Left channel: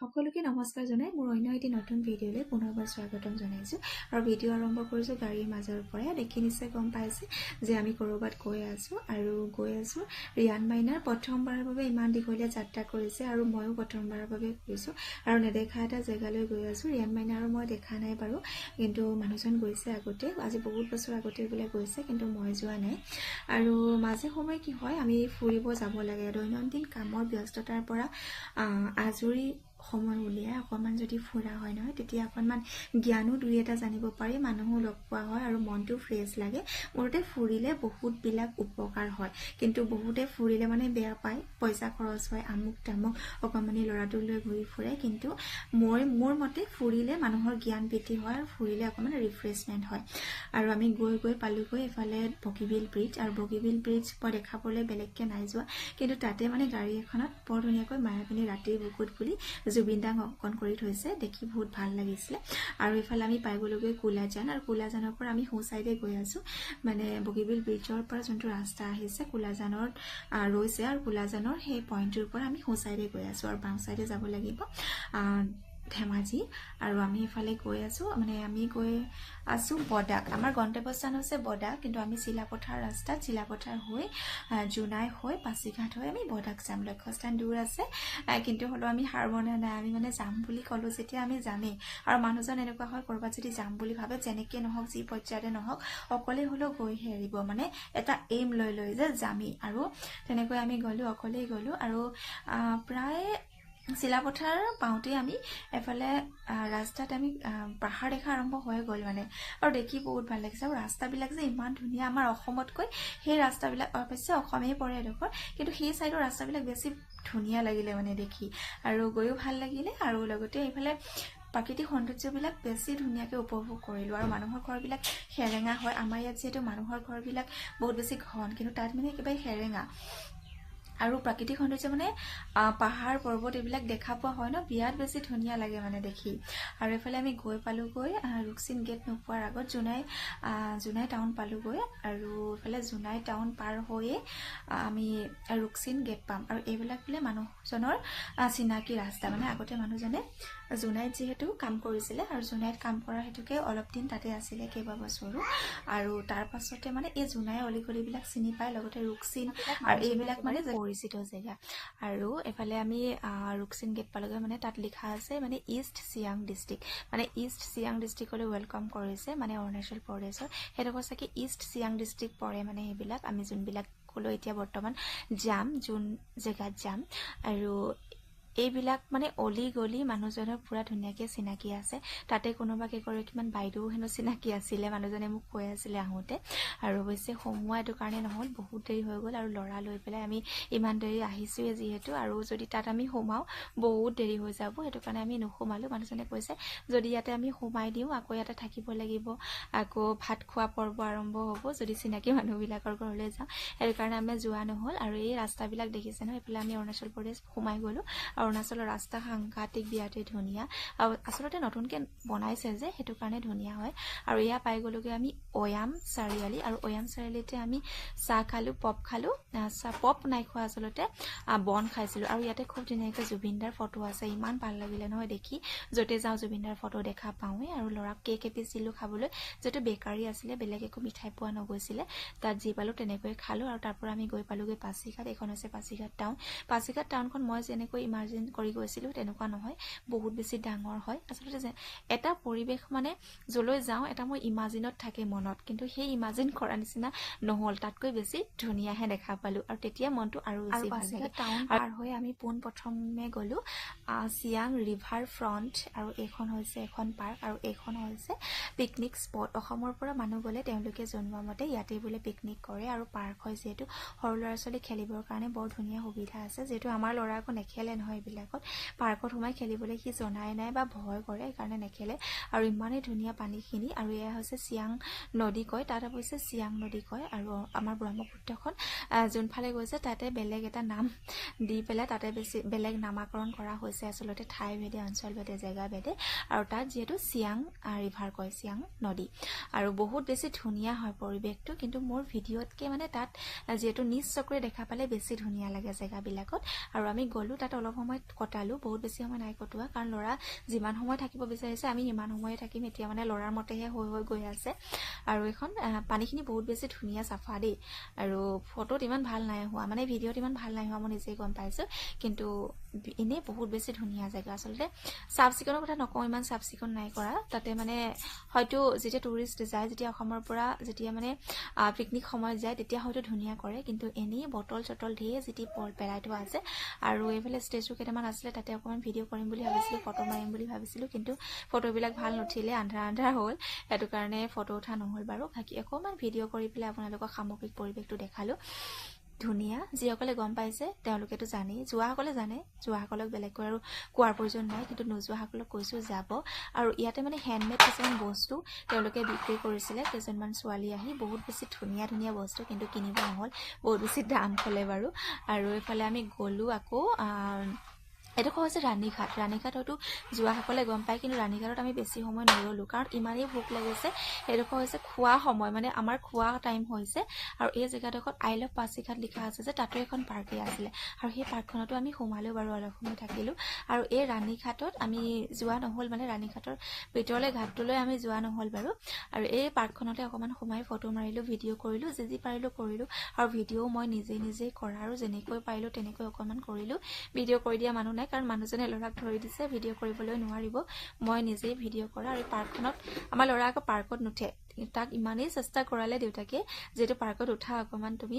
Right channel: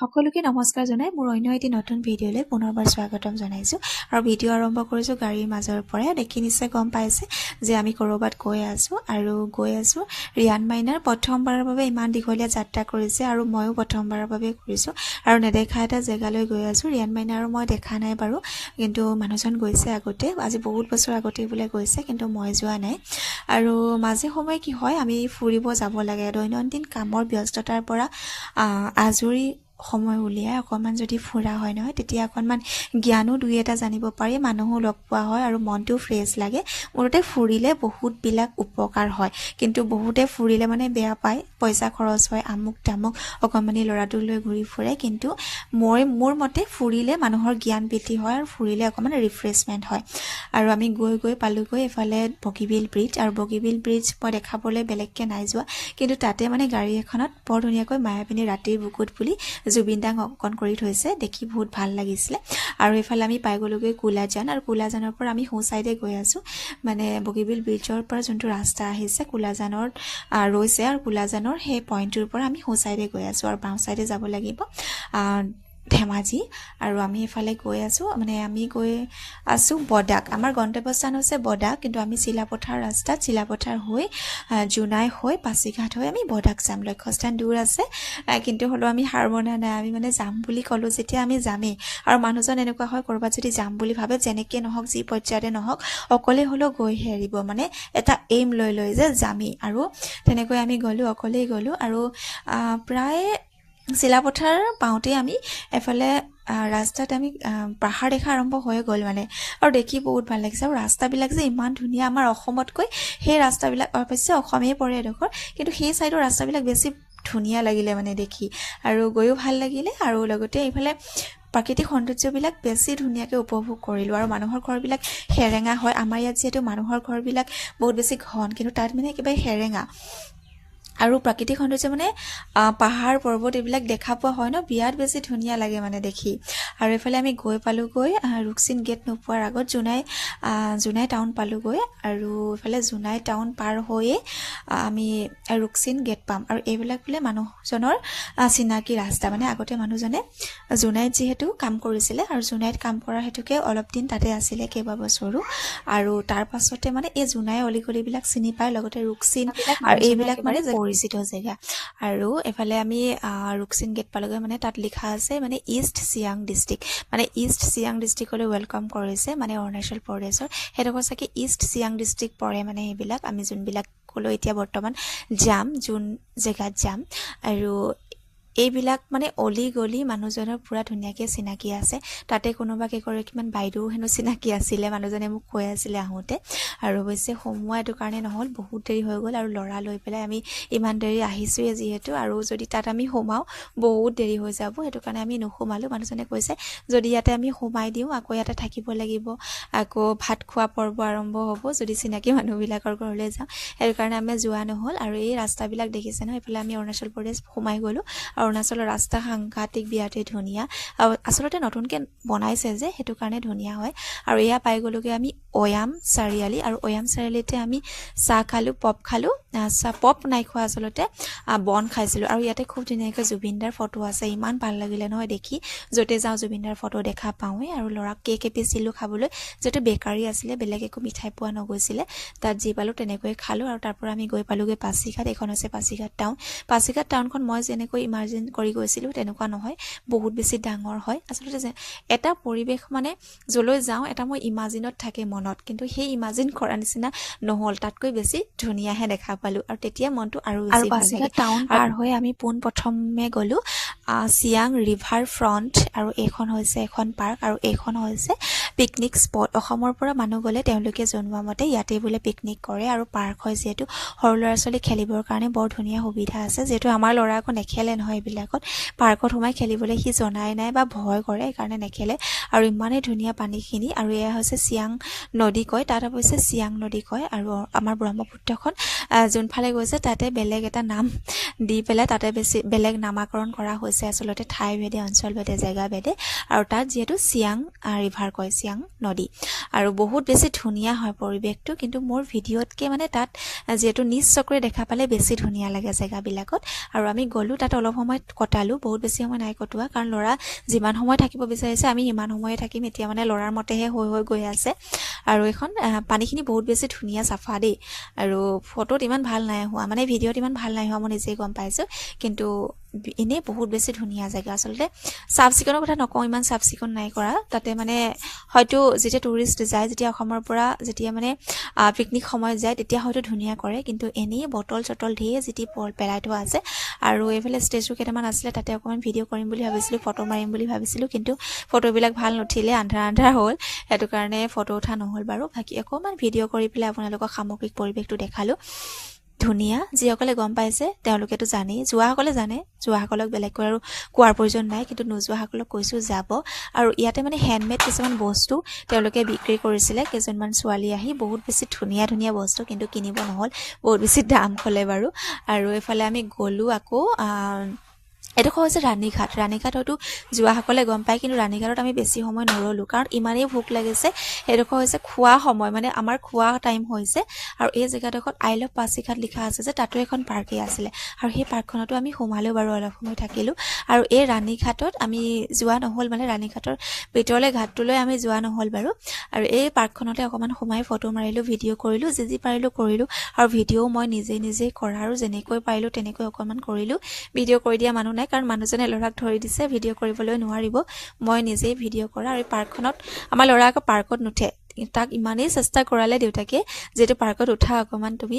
সকলোকে নমস্কাৰ জনাই মোৰ অন্য এটি নতুন ভিডিঅ'লৈ পুনৰবাৰ স্বাগতম জনাইছোঁ আৰু ভিডিঅ' আৰম্ভ কৰিছোঁ গাড়ীৰ মাজৰ পৰা। দেখি নিশ্চয় গম পাইছে যে আমি ক'ৰবাত গৈ আছোঁ ৰিয়ান মাইনাৰ প্ৰথমবাৰৰ বাবে ইমান দীঘলীয়া যাত্ৰা কৰিছে আৰু ময়ো প্ৰথমবাৰৰ বাবে কৰিছোঁ আৰু নেদেখা এটা জেগালৈ গৈ আছোঁ। ৰিয়ান মাইনা আৰু মই দেখা নাই বাৰু, কিন্তু মানুহজন গৈছে আগতে, আজি বহুত বছৰ আগতে বোলে গৈছে, কিন্তু মই যোৱা নাই। আৰু মাজে সময়ে কি হয়, আমি ফুৰিব যাব লাগে। দৈনন্দিন কামৰ ব্যস্ততাৰ পৰা আজৰি সময় উলিয়াই অকণমান যদি ফুৰা হয় নহয়, তেতিয়া অকণমান জ্ঞানো দুই এটা জানিব পাৰি, মানুহো লগ পোৱা হয় আৰু মনটো ফ্ৰেছ লাগে। মুঠতে ফুৰিলে বহুতবিলাক উপকাৰ হয়, কিন্তু বহুতে ফুৰিলে মানে বেয়া পায়, পইচা খৰচ হয়, আমুক তামুক, অকণমানি ল'ৰাটোক লৈ ঘূৰি ফুৰে। কিন্তু মোৰ মতে ফুৰিলে মানুহৰ জ্ঞান বৃদ্ধি হয় আৰু ফুৰিলে অকণমান ৰিফ্ৰেছমেণ্ট হয়। আৰু আমি গৈ পালোগৈ এফালে বগীবিল ব্ৰিজ, আৰু বগীবিল ব্ৰিজ মই দেখাবলৈ বেলেগকৈ নাই যোৱা, কিন্তু তাতে মানে গাড়ী এখনত বৰ ধুনীয়াকৈ মায়াবিনী ৰাতিৰ বুকুত বুলি জুবিন দাক অংকন কৰি থৈছে, দেখি বহুত ভাল লাগিছিলে। আৰু এইফালে আমি পাই গ'লোগৈ কোলাজান, আৰু কোলাজানৰ পৰা আমি সোঁ চাইডে গৈ আছোঁ, মানে বগীবিল ব্ৰিজৰ পৰা যোনটো ৰাস্তা আহিছে কোলাজানৰ ৰৈছে, আৰু কোলাজানৰ সেই পইণ্টটোৰ পৰা আমি সোঁ চাইডে গৈ আছোঁ আৰু বাওঁ চাইডে যাব লাগিব ধেমাজি। আৰু আমি এইফালে গৈ আছোঁ, মানে আমি গৈ আছোঁ বডাক। আমাৰ গন্তব্যস্থান হৈছে বডাক, কিন্তু আমি চিলাপথাৰ ৰাস্তাত, চিলাপথাৰ হৈ জোনাই হৈ পাছিঘাট হৈ আমি বডাক যাম। লক্ষ্যস্থান দূৰ আছে, কিন্তু হ'লেও আমি হাৰ মনা নাই। আমি মানে যাম বুলি ক'লোঁ যেতিয়া আমি যামেই। আৰু মানুহজন এনেকুৱা হয়, ক'ৰবাত যদি যাম বুলি ভাবে, যেনেকৈ নহওক, যি পৰ্যায়তে নহওক, অকলে হ'লেও গৈহে এৰিব, মানে এটা এইম লৈ যে যামেই। আৰু তেনেকৈ আমি গ'লোঁ, অকলেই গ'লোঁ। আৰু প্ৰায় চিলাপথাৰ পাওঁতেই আমি এফালে ৰাস্তাত আমি পাহাৰ দেখা আৰম্ভ হৈ গ'ল মানে, আৰু দেখি বহুত ভাল লাগিছে। আৰু ৰাস্তাবিলাক যে ইমান ধুনীয়া, আমাৰ অসমতকৈ সেই ৰাস্তাবিলাক, অৱশ্যে অসমেই পৰে এডোখৰ, কিন্তু সেই ছাইডৰ ৰাস্তাবিলাক বেছি ধুনীয়া লাগিলে মানে দেখি, আৰু গৈও ভাল লাগিলে। আৰু লগতে এইফালে প্ৰাকৃতিক সৌন্দৰ্যবিলাক বেছি ধুনীয়াকৈ উপভোগ কৰিলোঁ। আৰু মানুহৰ ঘৰবিলাক সেৰেঙা হয়, আমাৰ ইয়াত যিহেতু মানুহৰ ঘৰবিলাক বহুত বেছি ঘন, কিন্তু তাত মানে একেবাৰে সেৰেঙা। আৰু প্ৰাকৃতিক সৌন্দৰ্য মানে পাহাৰ পৰ্বত এইবিলাক দেখা পোৱা হয় ন, বিৰাট বেছি ধুনীয়া লাগে মানে দেখি। আৰু এইফালে আমি গৈ পালোঁগৈ ৰুকচিন গেট নোপোৱাৰ আগত জোনাই টাউন পালোঁগৈ, আৰু এইফালে জোনাই টাউন পাৰ হৈয়ে আমি ৰুকচিন গেট পাম। আৰু এইবিলাক বোলে মানুহজনৰ চিনাকি ৰাস্তা, মানে আগতে মানুহজনে জোনাইত যিহেতু কাম কৰিছিলে, আৰু জোনাইত কাম কৰাৰ হেতুকে অলপ দিন তাতে আছিলে, কেইবাবছৰো। আৰু তাৰ পাছতে মানে এই জোনাই অলিগলিবিলাক চিনি পায়, লগতে ৰুকচিন আৰু এইবিলাক মানে পৰিচিত জেগা। আৰু এফালে আমি ৰুকচিন গেট পালোগৈ, মানে তাত লিখা আছে মানে ইষ্ট চিয়াং ডিষ্ট্ৰিক্ট, মানে ইষ্ট চিয়াং ডিষ্ট্ৰিক্টলৈ ৱেলকাম কৰিছে, মানে অৰুণাচল প্ৰদেশৰ সেইডোখৰ চাগে ইষ্ট চিয়াং ডিষ্ট্ৰিক্ট পৰে। মানে সেইবিলাক আমি যোনবিলাকলৈ এতিয়া বৰ্তমান যাম, যোন জেগাত যাম। আৰু এইবিলাক মানে অলি গলি মানুহজনৰ পূৰা ধুনীয়াকৈ চিনাকি আছে। তাতে কোনোবা কেইগৰাকীমান বাইদেউ হেনো চিনাকি আছিলে, মানুহজনে মোক কৈ আছিলে আহোঁতে। আৰু অৱশ্যে সোমোৱা এইটো কাৰণে নহ'ল, বহুত দেৰি হৈ গ'ল, আৰু ল'ৰা লৈ পেলাই আমি ইমান দেৰি আহিছোঁৱে যিহেতু, আৰু যদি তাত আমি সোমাওঁ বহুত দেৰি হৈ যাব, সেইটো কাৰণে আমি নোসোমালোঁ। মানুহজনে কৈছে যদি ইয়াতে আমি সোমাই দিওঁ, আকৌ ইয়াতে থাকিব লাগিব, আকৌ ভাত খোৱা পৰ্ব আৰম্ভ হ'ব যদি চিনাকি মানুহবিলাকৰ ঘৰলৈ যাওঁ, সেইটো কাৰণে আমি যোৱা নহ'ল। আৰু এই ৰাস্তাবিলাক দেখিছে ন, এইফালে আমি অৰুণাচল প্ৰদেশ সোমাই গ'লোঁ। অৰুণাচলৰ ৰাস্তা সাংঘাতিক বিৰাটেই ধুনীয়া, আচলতে নতুনকৈ বনাইছে যে, সেইটো কাৰণে ধুনীয়া হয়। আৰু এয়া পাই গ'লোগৈ আমি অয়াম চাৰিআলি, আৰু অয়াম চাৰিআলিতে আমি চাহ খালোঁ, পপ খালোঁ, পপ নাই খোৱা আচলতে, বন খাইছিলোঁ। আৰু ইয়াতে খুব ধুনীয়াকৈ জুবিনদাৰ ফটো আছে, ইমান ভাল লাগিলে নহয় দেখি, য'তে যাওঁ জুবিনদাৰ ফটো দেখা পাওঁৱেই। আৰু ল'ৰাক কেক এপিছিলোঁ খাবলৈ, যিহেতু বেকাৰী আছিলে, বেলেগ একো মিঠাই পোৱা নগৈছিলে, তাত যি পালোঁ তেনেকৈয়ে খালোঁ। আৰু তাৰ পৰা আমি গৈ পালোঁগৈ পাছিঘাট, এইখন হৈছে পাছিঘাট টাউন। পাছিঘাট টাউনখন মই যেনেকৈ ইমাজিন কৰি গৈছিলোঁ তেনেকুৱা নহয়, বহুত বেছি ডাঙৰ হয়। আচলতে এটা পৰিৱেশ মানে য'লৈ যাওঁ এটা মই ইমাজিনত থাকে মনত, কিন্তু সেই ইমাজিন কৰা নিচিনা নহ'ল, তাতকৈ বেছি ধুনীয়াহে দেখা পালোঁ, আৰু তেতিয়া মনটো আৰু বেছি ভাল লাগে। টাউন পাৰ হৈ আমি পোনপ্ৰথমে গ'লোঁ চিয়াং ৰিভাৰ ফ্ৰণ্ট, আৰু এইখন হৈছে এখন পাৰ্ক, আৰু এইখন হৈছে পিকনিক স্পট। অসমৰ পৰা মানুহ গ'লে তেওঁলোকে জনোৱা মতে ইয়াতে বোলে পিকনিক কৰে, আৰু পাৰ্ক হয় যিহেতু, সৰু ল'ৰা ছোৱালী খেলিবৰ কাৰণে বৰ ধুনীয়া সুবিধা আছে। যিহেতু আমাৰ ল'ৰা আকৌ নেখেলে নহয় এইবিলাকত, পাৰ্কত সোমাই খেলিবলৈ সি জনাই নাই বা ভয় কৰে, সেইকাৰণে নেখেলে। আৰু ইমানেই ধুনীয়া পানীখিনি, আৰু এয়া হৈছে চিয়াং নদী কয়, তাত অৱশ্যে চিয়াং নদী কয়। আৰু আমাৰ ব্ৰহ্মপুত্ৰখন যোনফালে গৈছে তাতে বেলেগ এটা নাম দি পেলাই তাতে বেলেগ নামাকৰণ কৰা হৈছে। হৈছে আচলতে ঠাই ভেদে অঞ্চল ভেদে জেগা ভেদে আৰু তাত যেহেতু চিয়াং ৰিভাৰ কয় চিয়াং নদী আৰু বহুত বেছি ধুনীয়া হয় পৰিৱেশটো কিন্তু মোৰ ভিডিঅ'তকৈ মানে তাত যেহেতু নিজ চকুৰে দেখা পালে বেছি ধুনীয়া লাগে জেগাবিলাকত আৰু আমি গ'লোঁ তাত অলপ সময় কটালোঁ বহুত বেছি সময় নাই কটোৱা কাৰণ ল'ৰা যিমান সময় থাকিব বিচাৰিছে আমি ইমান সময়ে থাকিম এতিয়া মানে ল'ৰাৰ মতেহে হৈ গৈ আছে আৰু এখন পানীখিনি বহুত বেছি ধুনীয়া চাফা দেই আৰু ফটোত ইমান ভাল নাই হোৱা মানে ভিডিঅ'ত ইমান ভাল নাই হোৱা মই নিজেই গম পাইছোঁ কিন্তু এনেই বহুত বেছি ধুনীয়া জেগা আচলতে চাফ চিকুণৰ কথা নকওঁ ইমান চাফ চিকুণ নাই কৰা তাতে মানে হয়তো যেতিয়া টুৰিষ্ট যায় যেতিয়া অসমৰ পৰা যেতিয়া মানে পিকনিক সময়ত যায় তেতিয়া হয়তো ধুনীয়া কৰে কিন্তু এনেই বটল চটল ধেৰ যিটি পেলাই থোৱা আছে আৰু এইফালে ষ্টেজু কেইটামান আছিলে তাতে অকণমান ভিডিঅ' কৰিম বুলি ভাবিছিলোঁ ফটো মাৰিম বুলি ভাবিছিলোঁ কিন্তু ফটোবিলাক ভাল নুঠিলে আন্ধাৰ হ'ল সেইটো কাৰণে ফটো উঠা নহ'ল বাৰু বাকী অকণমান ভিডিঅ' কৰি পেলাই আপোনালোকক সামগ্ৰিক পৰিৱেশটো দেখালোঁ ধুনীয়া যিসকলে গম পাইছে তেওঁলোকেতো জানেই যোৱাসকলে জানে যোৱাসকলক বেলেগকৈ আৰু কোৱাৰ প্ৰয়োজন নাই কিন্তু নোযোৱাসকলক কৈছোঁ যাব আৰু ইয়াতে মানে হেণ্ডমেড কিছুমান বস্তু তেওঁলোকে বিক্ৰী কৰিছিলে কেইজনমান ছোৱালী আহি বহুত বেছি ধুনীয়া বস্তু কিন্তু কিনিব নহ'ল বহুত বেছি দাম ক'লে বাৰু আৰু এইফালে আমি গ'লোঁ আকৌ এডোখৰ হৈছে ৰাণীঘাট হয়তো যোৱাসকলে গম পায় কিন্তু ৰাণীঘাটত আমি বেছি সময় নৰলোঁ কাৰণ ইমানেই ভোক লাগিছে সেইডোখৰ হৈছে খোৱা সময় মানে আমাৰ খোৱা টাইম হৈছে আৰু এই জেগাডোখৰত আই লাভ পাছিঘাট লিখা আছে যে তাতো এখন পাৰ্কেই আছিলে আৰু সেই পাৰ্কখনতো আমি সোমালোঁ বাৰু অলপ সময় থাকিলোঁ আৰু এই ৰাণীঘাটত আমি যোৱা নহ'ল মানে ৰাণীঘাটৰ ভিতৰলৈ ঘাটটোলৈ আমি যোৱা নহ'ল বাৰু আৰু এই পাৰ্কখনতে অকণমান সোমাই ফটো মাৰিলোঁ ভিডিঅ' কৰিলোঁ যি পাৰিলোঁ কৰিলোঁ আৰু ভিডিঅ'ও মই নিজেই কৰা আৰু যেনেকৈ পাৰিলোঁ তেনেকৈ অকণমান কৰিলোঁ ভিডিঅ' কৰি দিয়া মানুহ নাই কাৰণ মানুহজনে ল'ৰাক ধৰি দিছে ভিডিঅ' কৰিবলৈ নোৱাৰিব মই নিজেই ভিডিঅ' কৰা আৰু এই পাৰ্কখনত আমাৰ ল'ৰা আকৌ পাৰ্কত নুঠে তাক ইমানেই চেষ্টা কৰালে দেউতাকে যিহেতু পাৰ্কত উঠা অকণমান তুমি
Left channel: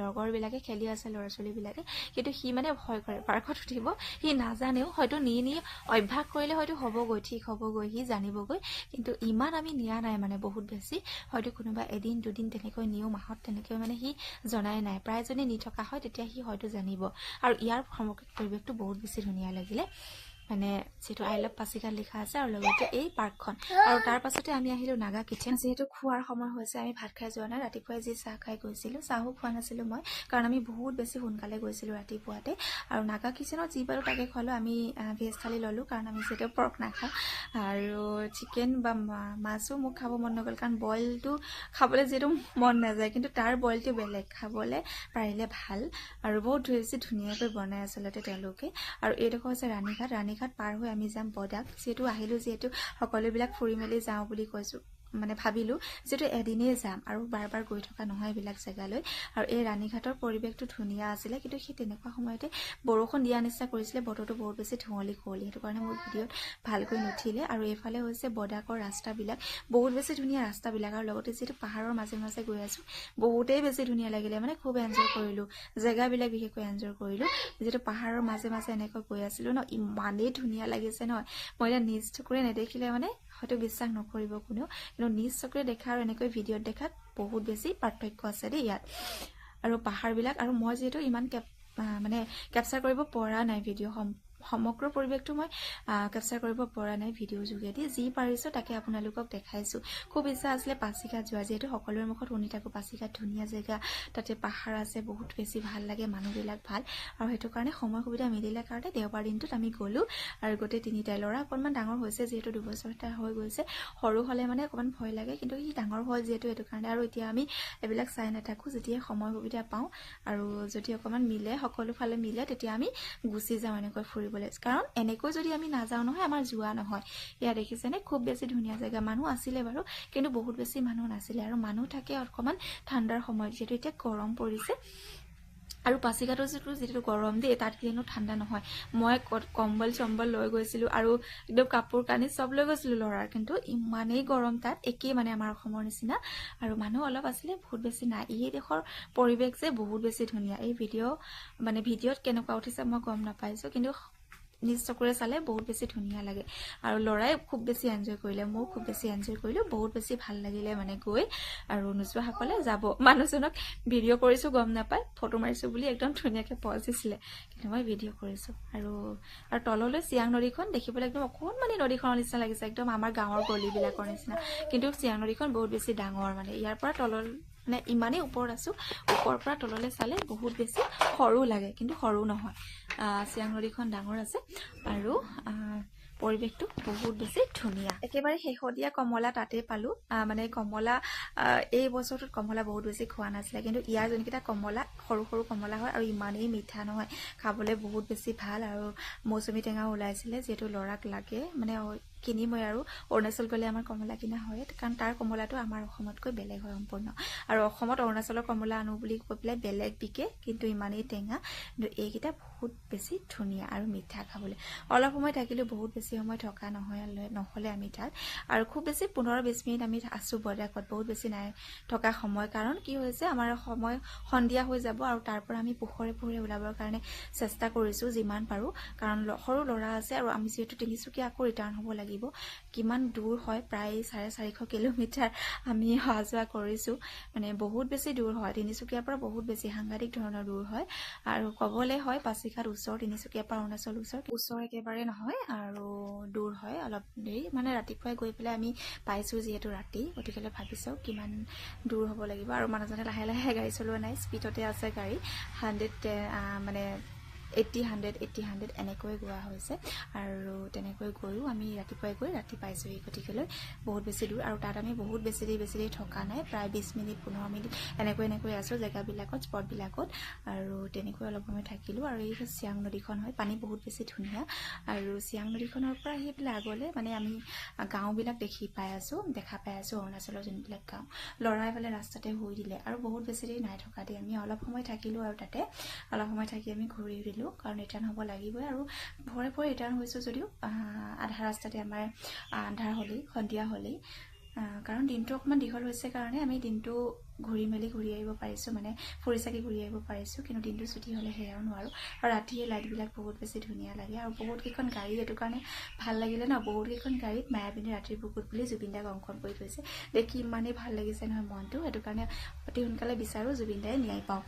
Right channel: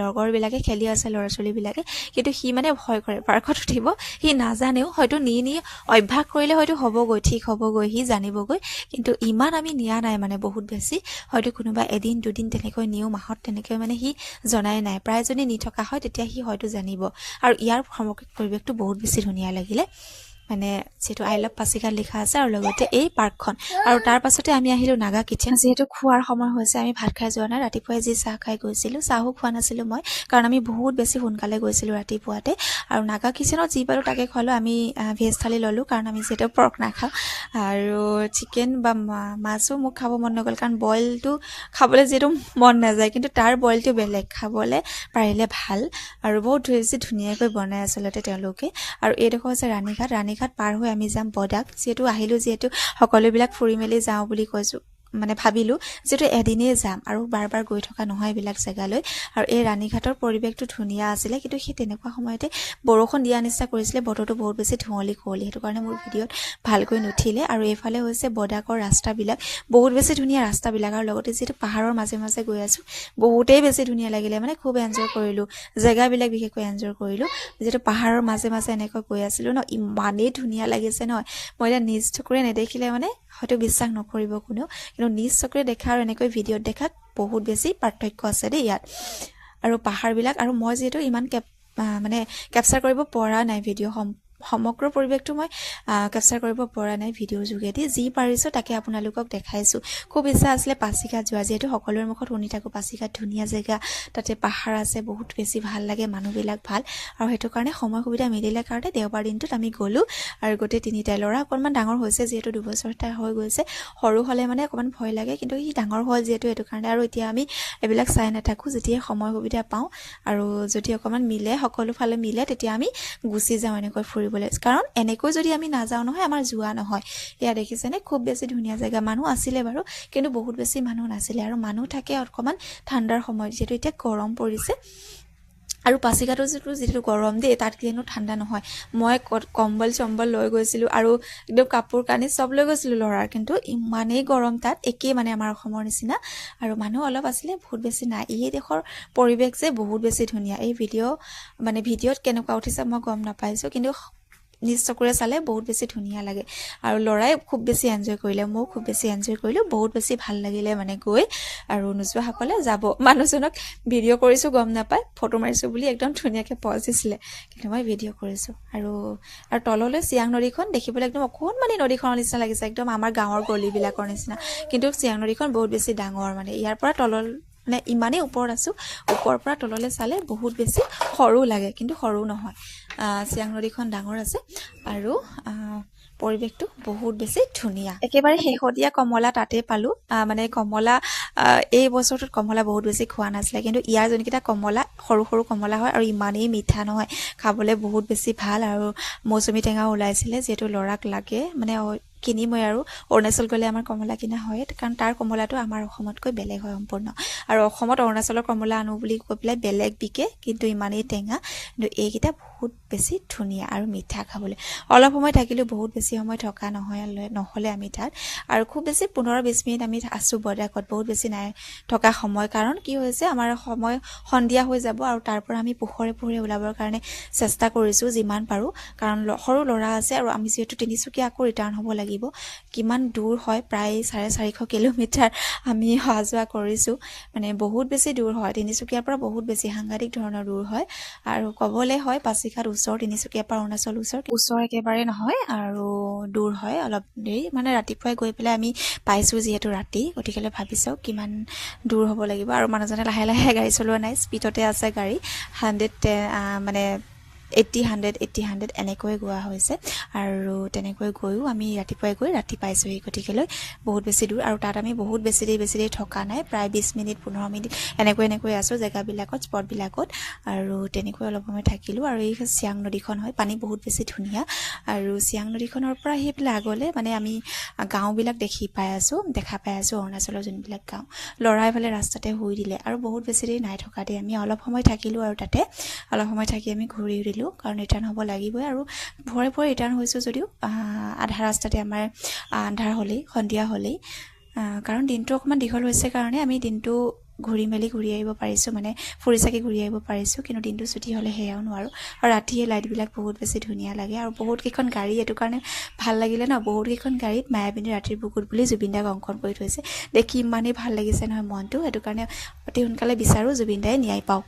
লগৰবিলাকে খেলি আছে ল'ৰা ছোৱালীবিলাকে কিন্তু সি মানে ভয় কৰে পাৰ্কত উঠিব সি নাজানেও হয়তো নি অভ্যাস কৰিলে হয়তো হ'বগৈ ঠিক হ'বগৈ সি জানিবগৈ কিন্তু ইমান আমি নিয়া নাই মানে বহুত বেছি হয়তো কোনোবা এদিন দুদিন তেনেকৈ নিওঁ মাহত তেনেকৈ মানে সি জনাই নাই প্ৰায় যদি নি থকা হয় তেতিয়া সি হয়তো জানিব আৰু ইয়াৰ সামগ্ৰিক পৰিৱেশটো বহুত বেছি ধুনীয়া লাগিলে মানে যিহেতু আই লাভ পাছিঘাট লিখা আছে আৰু লগতে এই পাৰ্কখন আৰু তাৰ পাছতে আমি আহিলোঁ নাগা কিটচেন যিহেতু খোৱাৰ সময় হৈছে আমি ভাত খাই যোৱা নাই ৰাতিপুৱাই যি চাহ খাই গৈছিলোঁ চাহো খোৱা নাছিলোঁ মই কাৰণ আমি বহুত বেছি সোনকালে গৈছিলোঁ ৰাতিপুৱাতে আৰু নাগা কিটচেনত যি পালোঁ তাকে খোৱালোঁ আমি ভেজ থালি ল'লোঁ কাৰণ আমি যিহেতু পৰ্ক নাখাওঁ আৰু চিকেন বা মাছো মোক খাব মন নগ'ল কাৰণ বইলটো খাবলৈ যিহেতু মন নাযায় কিন্তু তাৰ বইলটো বেলেগ খাবলৈ পাৰিলে ভাল আৰু বহুত বেছি ধুনীয়াকৈ বনাই আচলতে তেওঁলোকে আৰু এইডোখৰ হৈছে ৰাণীঘাট পাৰ হৈ আমি যাম বডাক যিহেতু সকলোবিলাক ফুৰি মেলি যাওঁ বুলি কৈছোঁ মানে ভাবিলোঁ যিহেতু এদিনেই যাম আৰু বাৰ গৈ থকা নহয় এইবিলাক জেগালৈ আৰু এই ৰাণীঘাটৰ পৰিৱেশটো ধুনীয়া আছিলে কিন্তু সেই তেনেকুৱা সময়তে বৰষুণ দিয়া নিচিনা কৰিছিলে বতৰটো বহুত বেছি কুঁৱলী সেইটো কাৰণে মোৰ ভিডিঅ'ত ভালকৈ নুঠিলে আৰু এইফালে হৈছে বডাকৰ ৰাস্তাবিলাক বহুত বেছি ধুনীয়া ৰাস্তাবিলাক আৰু লগতে যিহেতু পাহাৰৰ মাজে গৈ আছোঁ বহুতেই বেছি ধুনীয়া লাগিলে মানে খুব এনজয় কৰিলোঁ জেগাবিলাক বিশেষকৈ এনজয় কৰিলোঁ যিহেতু পাহাৰৰ মাজে এনেকৈ গৈ আছিলোঁ ন ইমানেই ধুনীয়া লাগিছে নহয় মই এতিয়া নিজ চকুৰে নেদেখিলে মানে হয়তো বিশ্বাস নকৰিব কোনেও কিন্তু নিজ চকুৰে দেখা আৰু এনেকৈ ভিডিঅ'ত দেখাত বহুত বেছি পাৰ্থক্য আছে দেই ইয়াত আৰু পাহাৰবিলাক আৰু মই যিহেতু ইমান কেপচাৰ কৰিব পৰা নাই ভিডিঅ' সমগ্ৰ পৰিৱেশটো মই কেপচাৰ কৰিব পৰা নাই ভিডিঅ'ৰ যোগেদি যি পাৰিছোঁ তাকে আপোনালোকক দেখাইছোঁ খুব ইচ্ছা আছিলে পাছিঘাট যোৱা যিহেতু সকলোৰে মুখত শুনি থাকোঁ পাছিঘাট ধুনীয়া জেগা তাতে পাহাৰ আছে বহুত বেছি ভাল লাগে মানুহবিলাক ভাল আৰু সেইটো কাৰণে সময় সুবিধা মিলিলে কাৰণে দেওবাৰ দিনটোত আমি গ'লোঁ আৰু গোটেই তিনিটাই ল'ৰা অকণমান ডাঙৰ হৈছে যিহেতু 2 বছৰ তাৰ হৈ গৈছে সৰু হ'লে মানে অকণমান ভয় লাগে কিন্তু সি ডাঙৰ হ'ল যিহেতু সেইটো কাৰণে আৰু এতিয়া আমি এইবিলাক চাই নাথাকোঁ যেতিয়াই সময় সুবিধা পাওঁ আৰু যদি অকণমান মিলে সকলো ফালে মিলে তেতিয়া আমি গুচি যাওঁ এনেকৈ ফুৰিবলৈ কাৰণ এনেকৈ যদি আমি নাযাওঁ নহয় আমাৰ যোৱা নহয় এয়া দেখিছেনে খুব বেছি ধুনীয়া জেগা মানুহ আছিলে বাৰু কিন্তু বহুত বেছি মানুহ নাছিলে আৰু মানুহ থাকে অকণমান ঠাণ্ডাৰ সময়ত যিহেতু এতিয়া গৰম পৰিছে আৰু পাছিঘাটৰ যিটো গৰম দেই তাত কিন্তু ঠাণ্ডা নহয় মই কম্বল চম্বল লৈ গৈছিলোঁ আৰু একদম কাপোৰ কানি চব লৈ গৈছিলোঁ ল'ৰাৰ কিন্তু ইমানেই গৰম তাত একেই মানে আমাৰ অসমৰ নিচিনা আৰু মানুহ অলপ আছিলে বহুত বেছি নাই এই দেশৰ পৰিৱেশ যে বহুত বেছি ধুনীয়া এই ভিডিঅ'ত কেনেকুৱা উঠিছে মই গম নাপাইছোঁ কিন্তু নিজ চকুৰে চালে বহুত বেছি ধুনীয়া লাগে আৰু ল'ৰাই খুব বেছি এনজয় কৰিলে ময়ো খুব বেছি এনজয় কৰিলোঁ বহুত বেছি ভাল লাগিলে মানে গৈ আৰু নোযোৱাসকলে যাব মানুহজনক ভিডিঅ' কৰিছোঁ গম নাপায় ফটো মাৰিছোঁ বুলি একদম ধুনীয়াকৈ পজ দিছিলে কিন্তু মই ভিডিঅ' কৰিছোঁ আৰু তললৈ চিয়াং নদীখন দেখিবলৈ একদম অকণমানি নদীখনৰ নিচিনা লাগিছে একদম আমাৰ গাঁৱৰ গলিবিলাকৰ নিচিনা কিন্তু চিয়াং নদীখন বহুত বেছি ডাঙৰ মানে ইয়াৰ পৰা মানে ইমানেই ওপৰত আছোঁ, ওপৰৰ পৰা তললৈ চালে বহুত বেছি সৰু লাগে, কিন্তু সৰু নহয়। চিয়াং নদীখন ডাঙৰ আছে আৰু পৰিৱেশটো বহুত বেছি ধুনীয়া। একেবাৰে শেহতীয়া কমলা তাতে পালোঁ। মানে কমলা এই বছৰটোত কমলা বহুত বেছি খোৱা নাছিলে, কিন্তু ইয়াৰ যোনকেইটা কমলা সৰু সৰু কমলা হয় আৰু ইমানেই মিঠা নহয়, খাবলৈ বহুত বেছি ভাল। আৰু মৌচুমী টেঙাও ওলাইছিলে, যিহেতু ল'ৰাক লাগে, মানে কিনিমই আৰু অৰুণাচল গ'লে আমাৰ কমলা কিনা হয়, কাৰণ তাৰ কমলাটো আমাৰ অসমতকৈ বেলেগ হয় সম্পূৰ্ণ। আৰু অসমত অৰুণাচলৰ কমলা আনো বুলি কৈ পেলাই বেলেগ বিকে, কিন্তু ইমানেই টেঙা। কিন্তু এইকেইটা বহুত বেছি ধুনীয়া আৰু মিঠা খাবলৈ। অলপ সময় থাকিলেও বহুত বেছি সময় থকা নহ'লে আমি তাত, আৰু খুব বেছি 15-20 মিনিট আমি আছোঁ বৰদাকত, বহুত বেছি নাই থকা সময়। কাৰণ কি হৈছে, আমাৰ সময় সন্ধিয়া হৈ যাব আৰু তাৰ পৰা আমি পোহৰে পোহৰে ওলাবৰ কাৰণে চেষ্টা কৰিছোঁ যিমান পাৰোঁ, কাৰণ সৰু ল'ৰা আছে আৰু আমি যিহেতু তিনিচুকীয়া আকৌ ৰিটাৰ্ণ হ'ব লাগিব। কিমান দূৰ হয়, প্ৰায় 450 কিলোমিটাৰ আমি অহা যোৱা কৰিছোঁ, মানে বহুত বেছি দূৰ হয়। তিনিচুকীয়াৰ পৰা বহুত বেছি সাংঘাতিক ধৰণৰ দূৰ হয়। আৰু ক'বলৈ হয় পাছিঘাট ওচৰ, তিনিচুকীয়াৰ পৰা অৰুণাচল ওচৰ একেবাৰে নহয়, আৰু দূৰ হয় অলপ দেৰি। মানে ৰাতিপুৱাই গৈ পেলাই আমি পাইছোঁ যিহেতু ৰাতি, গতিকে ভাবি চাওক কিমান দূৰ হ'ব লাগিব। আৰু মানুহজনে লাহে লাহে গাড়ী চলোৱা নাই, স্পীডতে আছে গাড়ী, 110 মানে 80-100 এনেকৈ গোৱা হৈছে। আৰু তেনেকৈ গৈও আমি ৰাতিপুৱাই গৈ ৰাতি পাইছোঁহি, গতিকেলৈ বহুত বেছি দূৰ। আৰু তাত আমি বহুত বেছি দেৰি থকা নাই, প্ৰায় 20 মিনিট 15 মিনিট এনেকৈ আছোঁ জেগাবিলাকত, স্পটবিলাকত। আৰু তেনেকৈ অলপ সময় থাকিলোঁ। আৰু এই চিয়াং নদীখন হয়, পানী বহুত বেছি ধুনীয়া। আৰু চিয়াং নদীখনৰ পৰা আহি পেলাই আগলৈ মানে আমি গাঁওবিলাক দেখা পাই আছোঁ অৰুণাচলৰ যোনবিলাক গাঁও। ল'ৰাই ফালে ৰাস্তাতে শুই দিলে, আৰু বহুত বেছি দেৰি নাই থকা দেই, আমি অলপ সময় থাকিলোঁ। আৰু তাতে অলপ সময় থাকি আমি ঘূৰি দিলোঁ, কাৰণ ৰিটাৰ্ণ হ'ব লাগিবই। আৰু ভৰে ৰিটাৰ্ণ হৈছোঁ যদিও আধা ৰাস্তাতে আমাৰ আন্ধাৰ হ'লেই, সন্ধিয়া হ'লেই। কাৰণ দিনটো অকণমান দীঘল হৈছে কাৰণে আমি দিনটো ঘূৰি আহিব পাৰিছোঁ, মানে ফুৰি চাকি ঘূৰি আহিব পাৰিছোঁ। কিন্তু দিনটো ছুটি হ'লে সেয়াও নোৱাৰোঁ। আৰু ৰাতিয়ে লাইটবিলাক বহুত বেছি ধুনীয়া লাগে, আৰু বহুতকেইখন গাড়ী এইটো কাৰণে ভাল লাগিলে ন, বহুতকেইখন গাড়ীত মায়াবিনী ৰাতিৰ বুকুত বুলি জুবিন দাক অংকন কৰি থৈছে। দেখি ইমানেই ভাল লাগিছে নহয় মনটো, সেইটো কাৰণে অতি সোনকালে বিচাৰোঁ জুবিন দাই ন্যায় পাওক।